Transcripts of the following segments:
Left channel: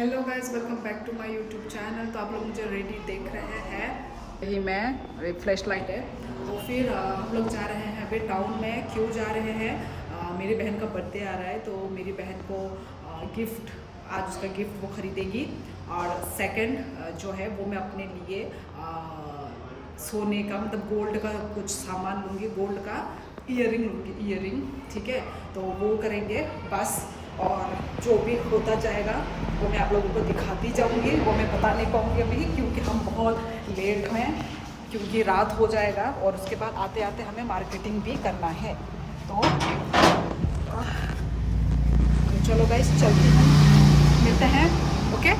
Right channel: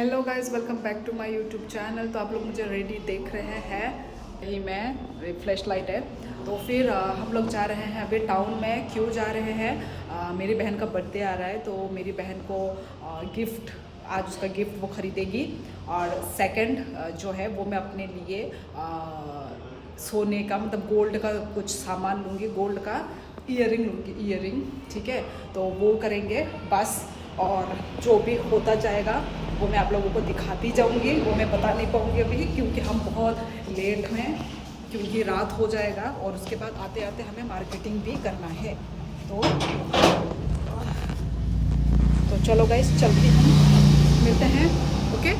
Hello guys, welcome back to my YouTube channel. तो आप लोग मुझे रेडी देख रहे हैं। ये मैं फ्लैश लाइट है। तो फिर हम लोग जा रहे हैं अभी टाउन में। क्यों जा रहे हैं? मेरी बहन का बर्थडे आ रहा है, तो मेरी बहन को गिफ्ट, आज उसका गिफ्ट वो खरीदेगी। और सेकंड जो है वो मैं अपने लिए सोने का, मतलब गोल्ड का कुछ सामान लूँगी। गोल्ड का ईयरिंग लूँगी, ईयरिंग। ठीक है, तो वो करेंगे बस। और जो भी होता जाएगा वो मैं आप लोगों को दिखाती जाऊंगी। वो मैं बता नहीं पाऊंगी अभी, क्योंकि हम बहुत लेट हैं, क्योंकि रात हो जाएगा। और उसके बाद आते आते हमें मार्केटिंग भी करना है। तो चलो गाइस, चलते हैं, मिलते हैं। ओके।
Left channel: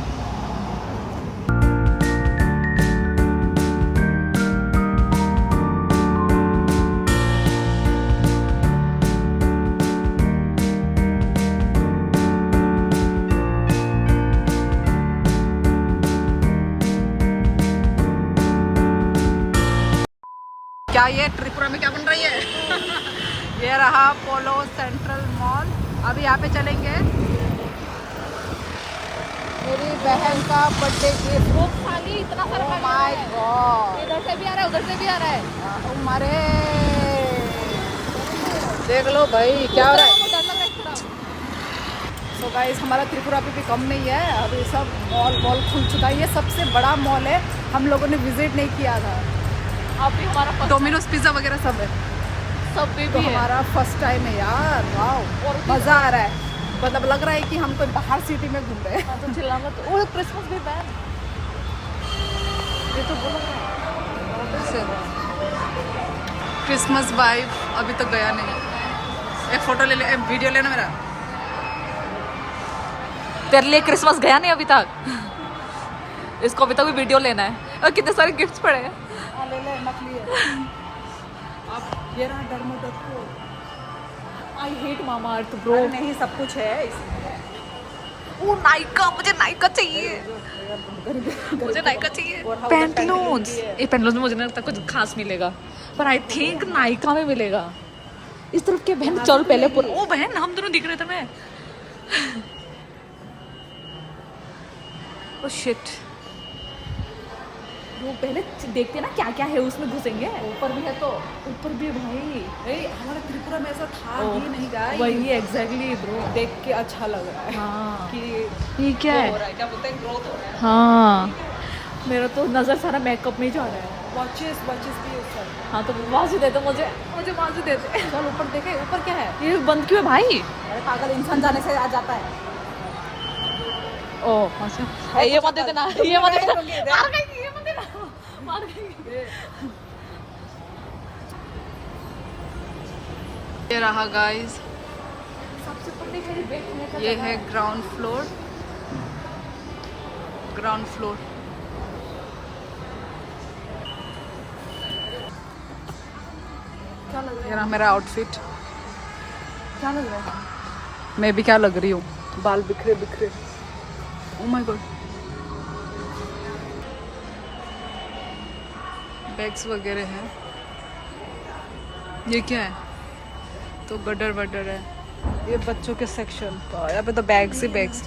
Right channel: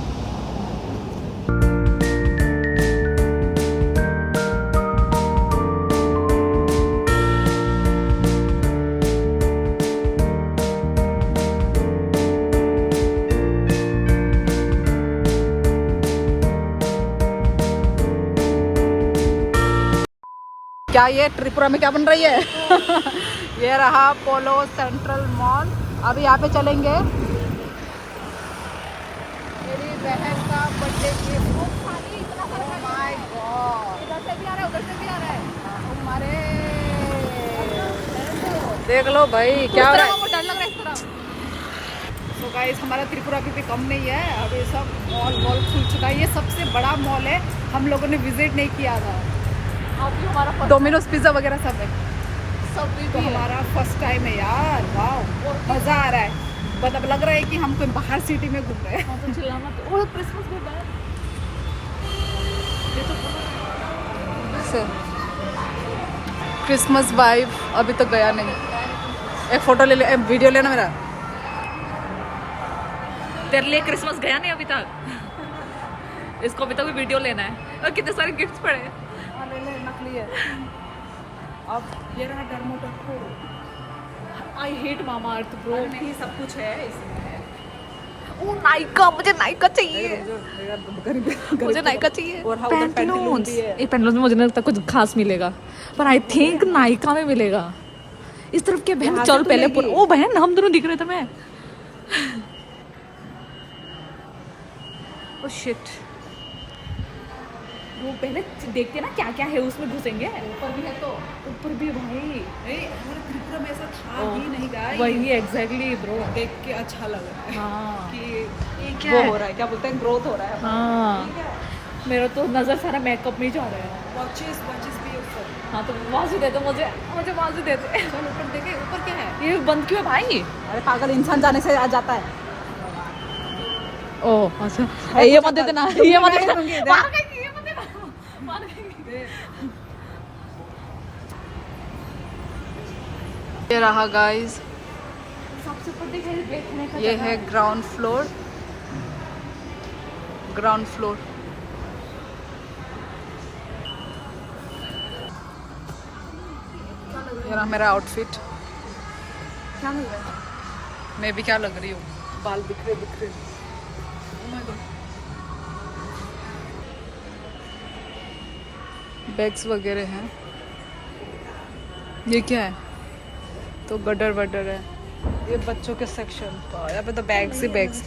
क्या ये त्रिपुरा में क्या बन रही है? ये रहा पोलो सेंट्रल मॉल। अभी यहाँ पे चलेंगे। मेरी बहन का बर्थडे गिफ्ट। इतना माय गॉड, इधर से भी आ रहा है, उधर से भी आ रहा है। हमारे देख लो भाई क्या। तो गाइस, हमारा त्रिपुरा भी कम में ही है। अभी सब मॉल खुल चुका है। ये सबसे बड़ा मॉल है, हम लोगों ने विजिट नहीं किया था। अभी हमारा डोमिनोज पिज्जा वगैरह सब है, सब। तो हमारा फर्स्ट टाइम है यार। वाह, मजा आ रहा है। मतलब लग रहा है कि हम कोई बाहर सिटी में घूम रहे हैं। क्रिसमस भी है ये तो बोला। क्रिसमस वाइब अभी तक गया नहीं। एक फोटो ले ले, वीडियो लेना मेरा। तेरे लिए क्रिसमस गया नहीं अभी तक। इसको अभी तक भी वीडियो लेना है। और कितने सारे गिफ्ट्स पड़े हैं। ले नकली है। अब ये रहा डर्मोटको। I hate mama earth bro. नहीं, सब कुछ है इसमें। ओ नाइका, मुझे नाइका चाहिए। मुझे नाइका चाहिए। पैंटलून्स, ये पैंटलून्स में मुझे नहीं लगता कुछ खास मिलेगा, पर आई थिंक नाइका में मिलेगा। इस तरफ के बहन चल पहले। ओ बहन, हम दोनों दिख रहे थे। मैं ओ शिट। वो पहले देखते ना क्या क्या है उसमें, घुसेंगे। ऊपर भी है तो ऊपर भी भाई। हमारे त्रिपुरा में ऐसा था ही नहीं गाइस। वही एग्जैक्टली ब्रो, देख के अच्छा लग रहा है। हाँ कि क्या हो रहा है, क्या बोलते हैं, ग्रोथ हो रहा है। हाँ, मेरा तो नजर सारा मेकअप में ही जा रहा है। वॉचेस भी है सब। हाँ, तो वहाँ से दे दो मुझे वहाँ से दे दे। चल ऊपर देखे, ऊपर क्या है? ये बंद क्यों है भाई? अरे पागल, इंसान जाने से आ जाता है। अच्छा, ये मत देना, ये मत देना। ये रहा गाइस, ये है ग्राउंड फ्लोर। ये रहा मेरा आउटफिट। क्या लग रहा है? मैं भी क्या लग रही हूँ? बाल बिखरे। Oh my God. बैग्स वगैरह हैं। ये क्या है? तो गडर वडर है। ये बच्चों के सेक्शन। तो यहाँ पे तो बैग्स ही बैग्स।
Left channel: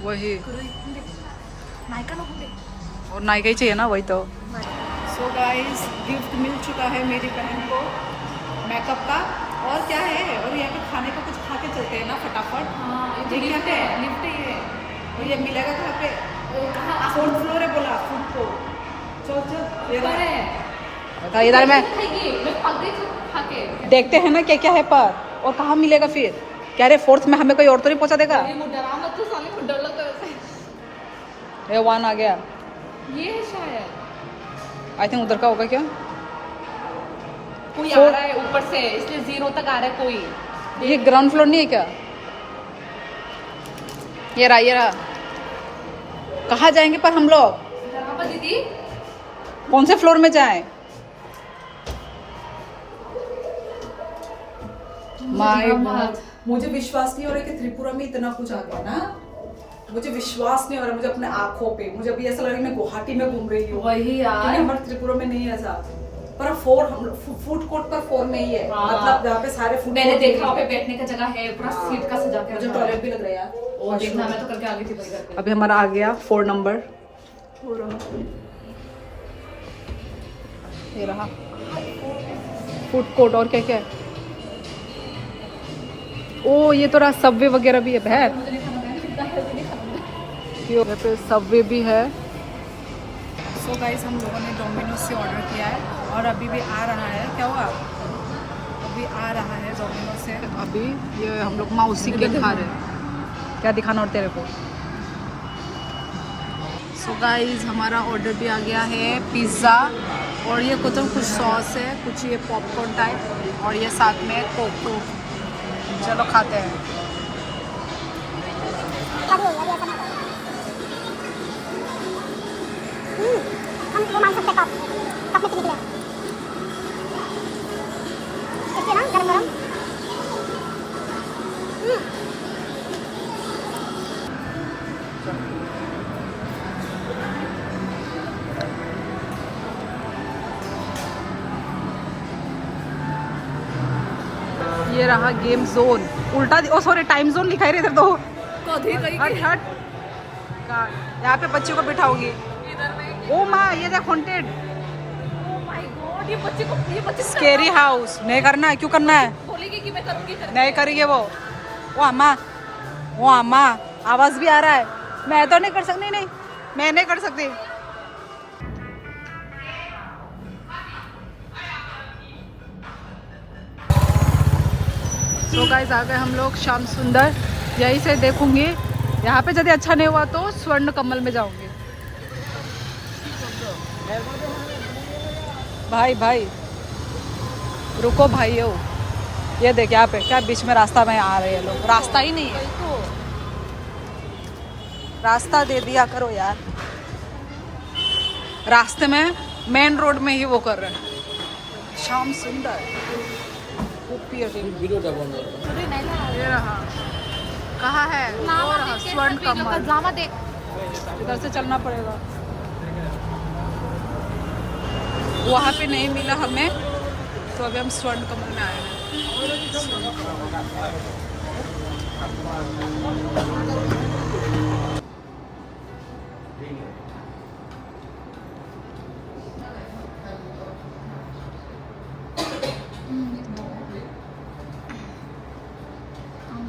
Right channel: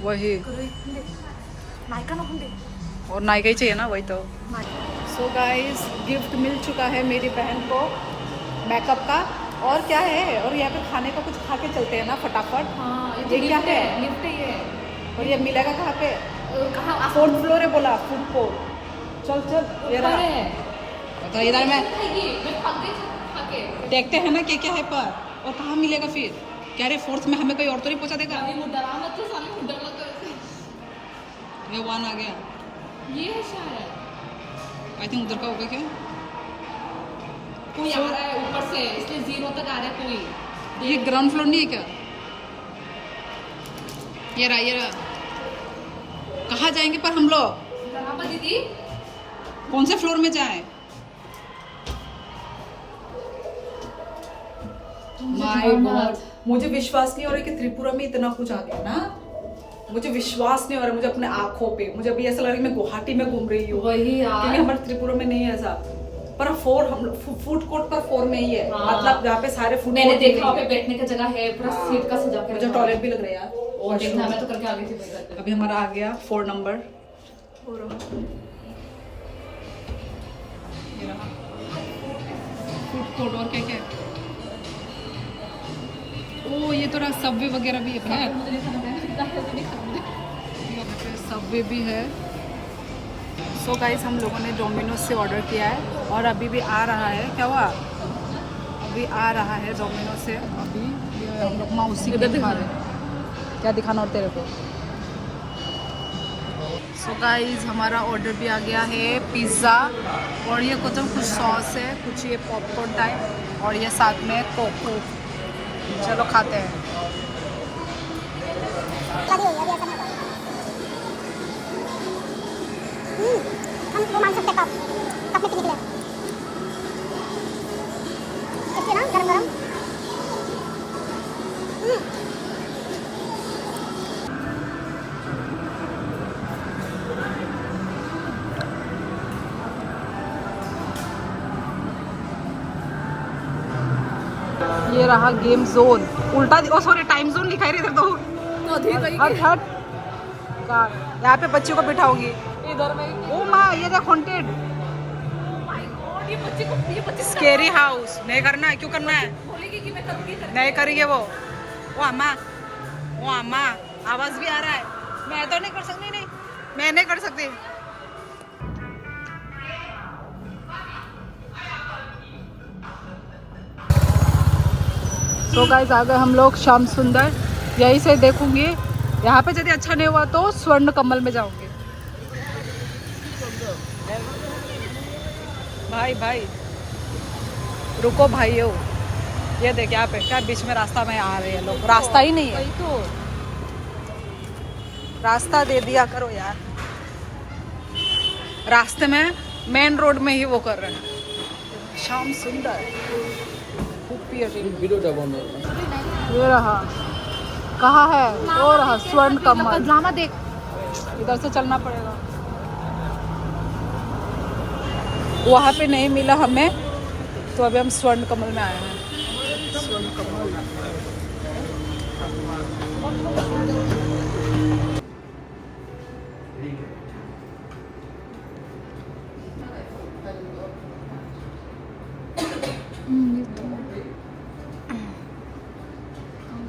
वही, और नाइका ही चाहिए ना, वही तो। सो गाइस, गिफ्ट मिल चुका है मेरी बहन को, मेकअप का। और क्या है? और यहाँ पे खाने का कुछ खा के चलते हैं ना फटाफट। हाँ, ये क्या है? गिफ्ट ही है। और ये मिलेगा कहाँ पे? कहाँ? 4th फ्लोर है बोला, फूड कोर्ट। चल ये रहा है। बता, इधर में देखते हैं ना क्या क्या है पर। और कहाँ मिलेगा फिर? क्या रे, 4th में हमें कोई और तो नहीं पहुँचा देगा? ये 1 आ गया। ये शायद आई थिंक उधर का होगा क्या? कोई आ रहा है ऊपर से, इसलिए 0 तक आ रहा है कोई। ये ग्राउंड फ्लोर नहीं है क्या? ये रहा। कहाँ जाएंगे पर हम लोग? दीदी, कौन से फ्लोर में जाएं? माय गॉड, मुझे विश्वास नहीं हो रहा कि त्रिपुरा में इतना कुछ आ गया ना। मुझे विश्वास नहीं हो रहा, मुझे अपने आंखों पे। मुझे अभी ऐसा लग रहा है मैं गुवाहाटी में घूम रही हूँ। वही यार, क्योंकि हमारे त्रिपुरा में नहीं है ऐसा। पर 4 हम लोग फूड कोर्ट पर 4 में ही है। मतलब जहाँ पे सारे फूड, मैंने देखा वहाँ पे बैठने का जगह है, पूरा सीट का सजा के। मुझे टॉयलेट भी लग रहा है यार। और देखना, मैं तो करके आ गई थी बस घर पे। अभी हमारा आ गया 4 नंबर। ये रहा फूड कोर्ट। और क्या क्या है? ओ ये तो रहा सबवे वगैरह भी है बहन। मुझे नहीं खाना, मैं इतना हेल्दी नहीं खाना मुझे। यहाँ पे सबवे भी है। सो गाइस हम लोगों ने डोमिनोज से ऑर्डर किया है और अभी भी आ रहा है। क्या हुआ? अभी आ रहा है डोमिनोज से। अभी ये हम लोग माउसी केक खा रहे हैं। क्या दिखाना और तेरे को? सो गाइस हमारा ऑर्डर भी आ गया है पिज़्ज़ा और ये कुछ सॉस है, कुछ ये पॉपकॉर्न टाइप और ये साथ में कोको। चलो खाते हैं। हम वो मान सकते कप कप में पी निकले इसके ना गरम गरम। ये रहा गेम जोन। उल्टा ओ सॉरी टाइम जोन लिखा है इधर तो। हट हट का यहाँ पे बच्चों को बिठाओगी इधर में ओ माँ ये देख हॉन्टेड ये बच्चे स्केरी हाउस। नहीं करना है? क्यों करना है? बोलेगी कि मैं करूँगी। नहीं करेंगे वो अम्मा आवाज भी आ रहा है। मैं तो नहीं कर सकती। नहीं मैं नहीं कर सकती। तो गाइस आ गए हम लोग श्याम सुंदर। यहीं से देखूंगी। यहाँ पे यदि अच्छा नहीं हुआ तो स्वर्ण कमल में जाऊंगी। भाई रुको भाइयों। ये देख यहाँ पे क्या बीच में रास्ता में आ रहे हैं लोग। रास्ता ही नहीं है। रास्ता दे दिया करो यार। रास्ते में मेन रोड में ही वो कर रहे हैं। श्याम सुंदर ये रहा। कहाँ है? वो रहा स्वर्ण कमल। इधर से चलना पड़ेगा। वहाँ पे नहीं मिला हमें तो अभी हम स्वर्ण कमल में आए हैं। स्वर्ण कमल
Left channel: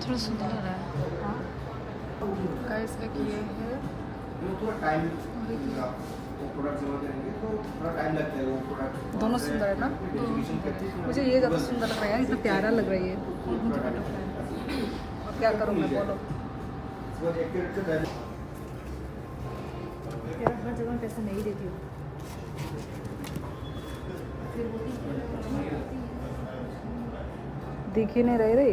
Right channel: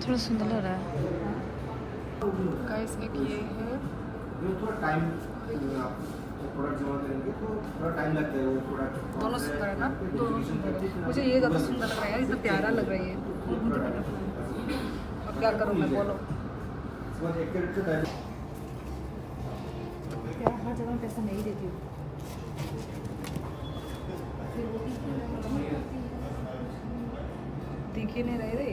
थोड़ा सुंदर लग रहा है। गाइस एक ये है। थोड़ा टाइम प्रोडक्ट जमा करेंगे तो थोड़ा टाइम लगता है वो प्रोडक्ट। दोनों सुंदर है ना? मुझे ये ज़्यादा सुंदर लग रहा है। इतना प्यारा लग रहा है ये। मुझे बटरफ्लाई। अब क्या करूँ मैं? बोलो। यार हर जगह पैसा नहीं देती हूँ। दिख ही नहीं रहे।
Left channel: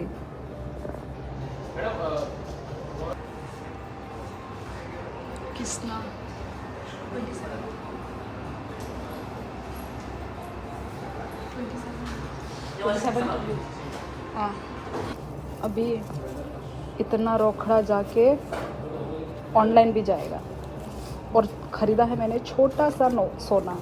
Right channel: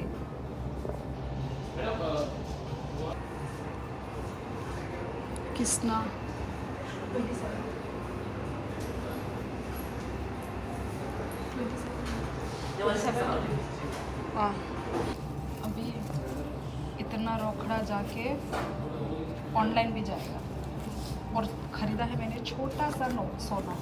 किसना हाँ अभी इतना रोकड़ा जाके ऑनलाइन भी जाएगा। और ख़रीदा है मैंने छोटा सा सोना।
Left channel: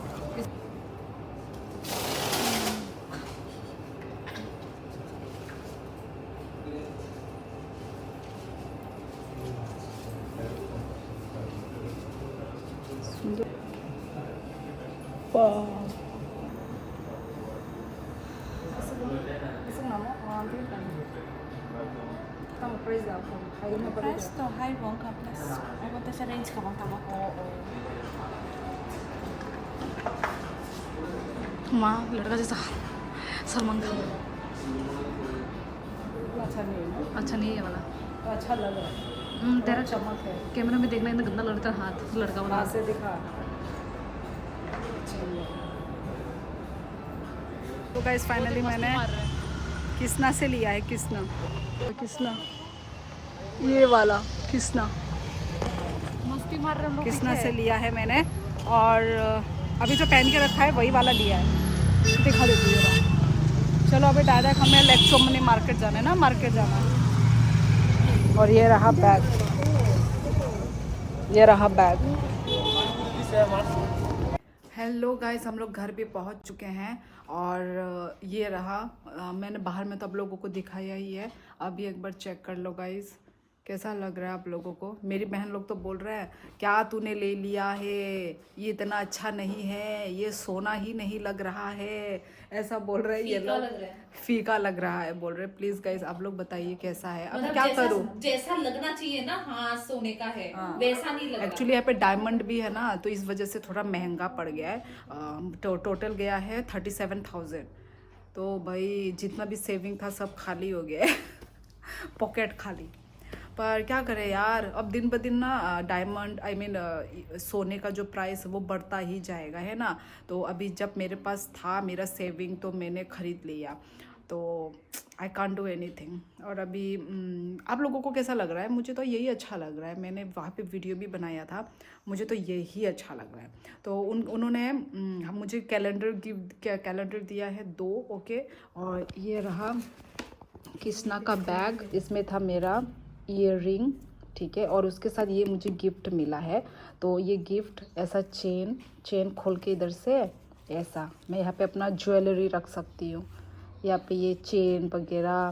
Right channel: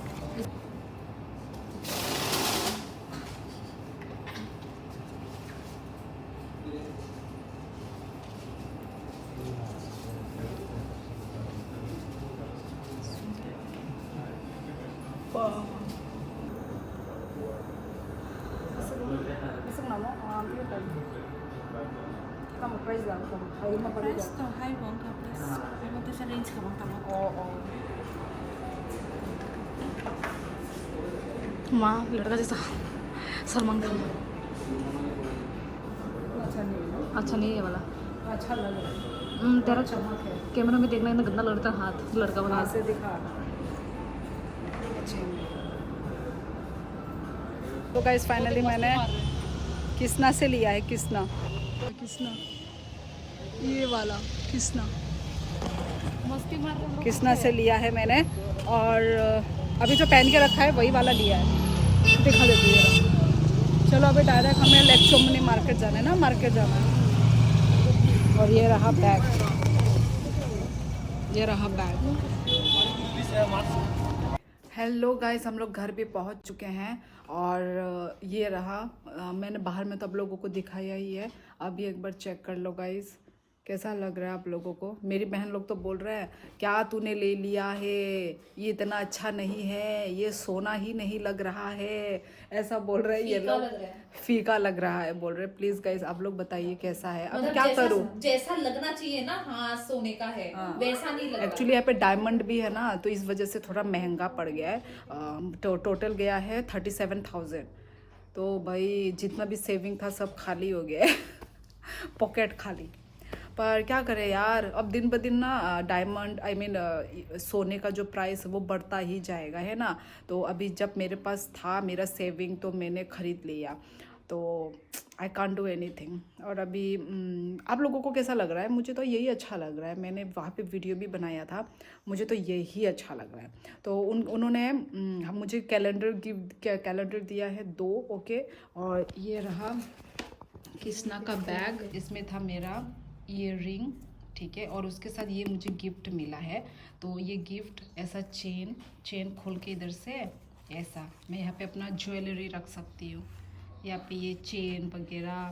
Price to high bang ka plus. Ano to sa range ka bang tama? माँ लड़का जैसा सलमान खान। अच्छा नहीं है ना? अच्छा नहीं है ये वाला। अच्छा लग रहा है। तेरा चमक है। कैमरा में देखना इतना गंदा लगता है। हाथ लड़का वाला। वहाँ से दिखा। तो गाइस फाइनली मैंने किसना से लिया है। किसना ये वाला किसना मस्ती मार रहे हम लोग। किसना से लिया है मैंने। और अभी जो पहन के रखा है वही वाला लिया है। दिखा देती हूँ। चलो अभी डायरेक्ट हमें लेक्चोमनी मार्केट जाना है ना। मार्केट जाना है। और ये रहा बैग। हेलो गाइस हम लोग घर पे पहुंच चुके हैं। और ये रहा मैंने बाहर में तो आप लोगों को दिखाया ही है। अभी एक बार चेक कर लो गाइस कैसा लग रहा है आप लोगों को? मेरी बहन लोग तो बोल रहे हैं क्या तूने ले लिया है, ये इतना अच्छा नहीं है, ये सोना ही नहीं लग रहा है, ऐसा बोल रहे हैं ये लोग। फीका लग रहा है बोल रहे। प्लीज गाइस आप लोग बताइए कैसा है, अब क्या करूं? जैसा लगना चाहिए ना, हाँ सोने का है, वैसा नहीं लग रहा। एक्चुअली यहाँ पे डायमंड भी है ना, तो इस वजह से थोड़ा महंगा पड़ गया है। टोटल गया है 37,000। तो भाई जितना भी सेविंग था सब खाली हो गया है पॉकेट खाली। पर क्या करें यार, अब दिन ब दिन ना डायमंड सोने का जो प्राइस वो बढ़ता ही जाएगा, है ना। तो अभी जब मेरे पास था मेरा सेविंग तो मैंने ख़रीद लिया, तो आई कांट डू एनीथिंग। और अभी आप लोगों को कैसा लग रहा है? मुझे तो यही अच्छा लग रहा है। मैंने वहाँ पे वीडियो भी बनाया था, मुझे तो यही अच्छा लग रहा है। तो उन्होंने मुझे कैलेंडर दिया है 2, ओके। और ये रहा कृष्णा का बैग, इसमें था मेरा ईयर रिंग, ठीक है। और उसके साथ ये मुझे गिफ्ट मिला है। तो ये गिफ्ट ऐसा चेन खोल के इधर से ऐसा मैं यहाँ पे अपना ज्वेलरी रख सकती हूँ। यहाँ पे ये चेन वगैरह,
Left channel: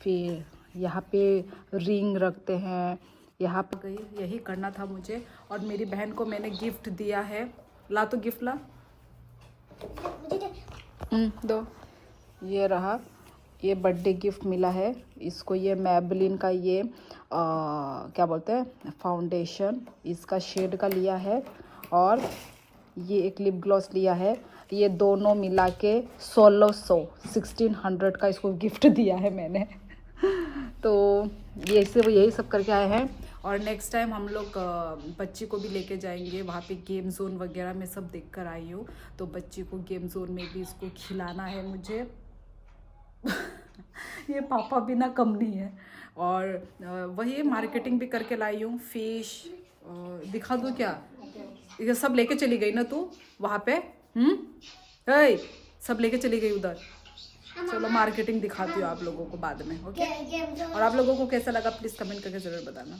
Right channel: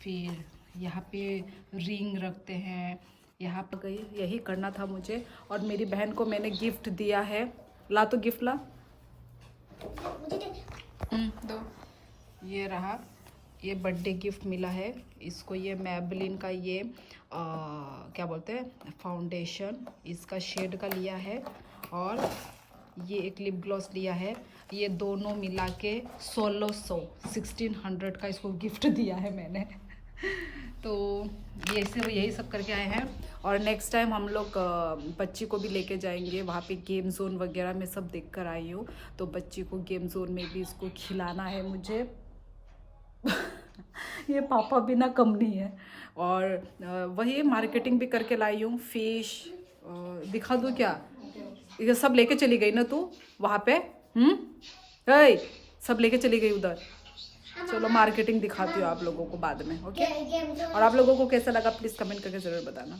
फिर यहाँ पे रिंग रखते हैं। यहाँ पर गई, यही करना था मुझे। और मेरी बहन को मैंने गिफ्ट दिया है। ला तो गिफ्ट ला, दो। ये रहा, ये बर्थडे गिफ्ट मिला है इसको। ये मैबलिन का ये क्या बोलते हैं फाउंडेशन, इसका शेड का लिया है। और ये एक लिप ग्लॉस लिया है। ये दोनों मिला के 1600 का इसको गिफ्ट दिया है मैंने तो ये से वो यही सब करके आए हैं। और नेक्स्ट टाइम हम लोग बच्ची को भी लेके जाएंगे वहाँ पे। गेम जोन वगैरह में सब देख कर आई हूँ, तो बच्ची को गेम जोन में भी इसको खिलाना है मुझे ये पापा भी ना कम नहीं है। और वही मार्केटिंग भी करके लाई हूँ। फिश दिखा दूँ क्या? ये सब लेके चली गई ना तू वहाँ पे? सब लेके चली गई उधर। चलो मार्केटिंग दिखाती हूँ आप लोगों को बाद में, ओके। और आप लोगों को कैसा लगा प्लीज़ कमेंट करके ज़रूर बताना।